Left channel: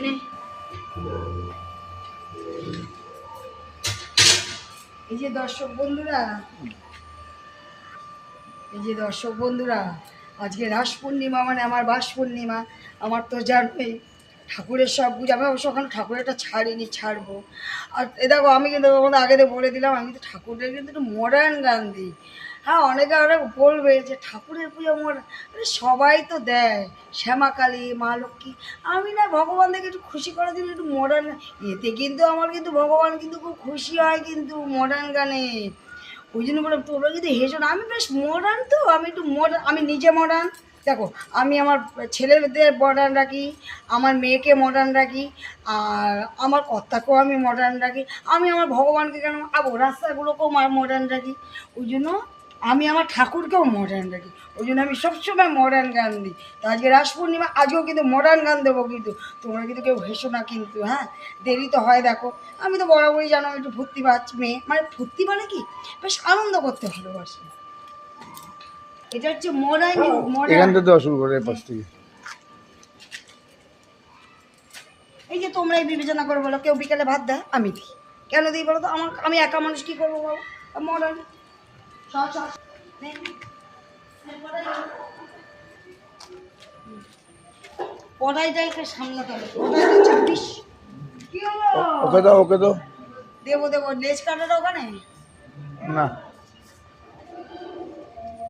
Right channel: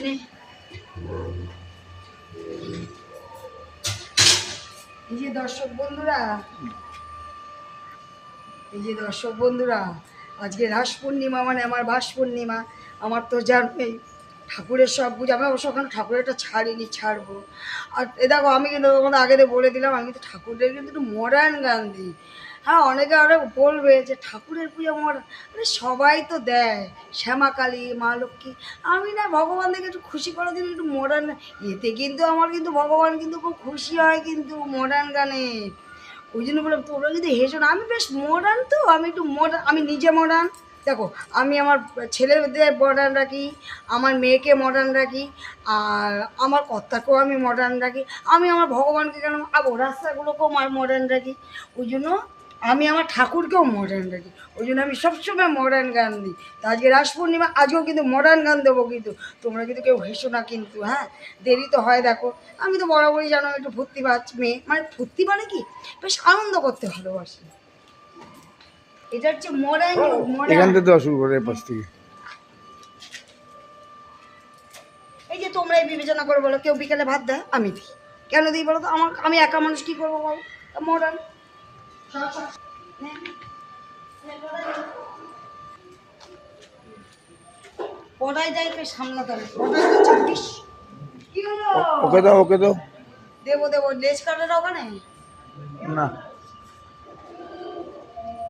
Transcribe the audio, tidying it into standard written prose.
এই যে দর্শক বন্ধুরা, আজকে রাস পূর্ণিমা, মানে আমার বাস পূর্ণিমা। আমার তো জানোই ঠাকুরের সব পুজো, আমি অবশ্য ওখানে ঠাকুরেরটা ছাড়বো। আর এ দেখো, আমি কিন্তু আগে বলে দিলাম, আমি কিন্তু ঠাকুরের কিন্তু একটু মডার্ন গান দিই। হ্যাঁ, অনেকে আরও বলবে যে ঠাকুরের পুজো মডার্ন, সবাই তো দেয়, শ্যামাকালী, মা লক্ষ্মী। আমি না ভগবানকে একটু খুশি করার জন্য একটু মডার্ন, এতে কিন্তু আমার কিন্তু ভগবান কিন্তু খুব খুশি হয় কিন্তু মডার্ন গানে। ওই জন্য বললাম তোমরা যদি হেসো না, আমি বেশ মডার্ন, তো আমি একটু মডার্ন, আমি নিজে মডার্ন। দেখো, আমি আমার ছেলেদের মডার্ন রাখি, আমার মেয়েকে মডার্ন রাখি, আর আমার কর্তাকেও আমি মডার্ন রাখি, আমি আমার ভগবানকে কেন রাস্তাগুলোকেও মডার্ন রাখি। ওই জন্য আমি আমার ঠাকুরকেও মডার্ন রাখি, ওই জন্য আমি সবসময় মডার্ন গান দিই। তো আজকে রাস পূর্ণিমা, আজকেও কিন্তু মডার্ন গান দেবো, কিন্তু তোমরা কিন্তু কেউ হেসো না কিন্তু। হ্যাঁ, দেরি তো হয়, দেখো আমি তো বরাবরই জানো একটু ফুর্তিবাজ মেয়ে, মানে ফুর্তি মানে কি, বেশ আনন্দ করতে ভালোবাসি। এটা হচ্ছে মডার্ন। এখান থেকে দেওয়া শুরু করে পাশ থেকে। এই যে তোমরা বিবেচনা করে বলো, কেউ বিকেলে ভাত দেয়, আমি দিই, কেন দিই বলো তো? আমি একা মানুষ, কী করবো বলো? মডার্ন পড়াইটাকে সামলাতে হবে, পড়াইটা 26। কি হলো? ওকে দাও দেবো লেজ কাটার ওখানে না।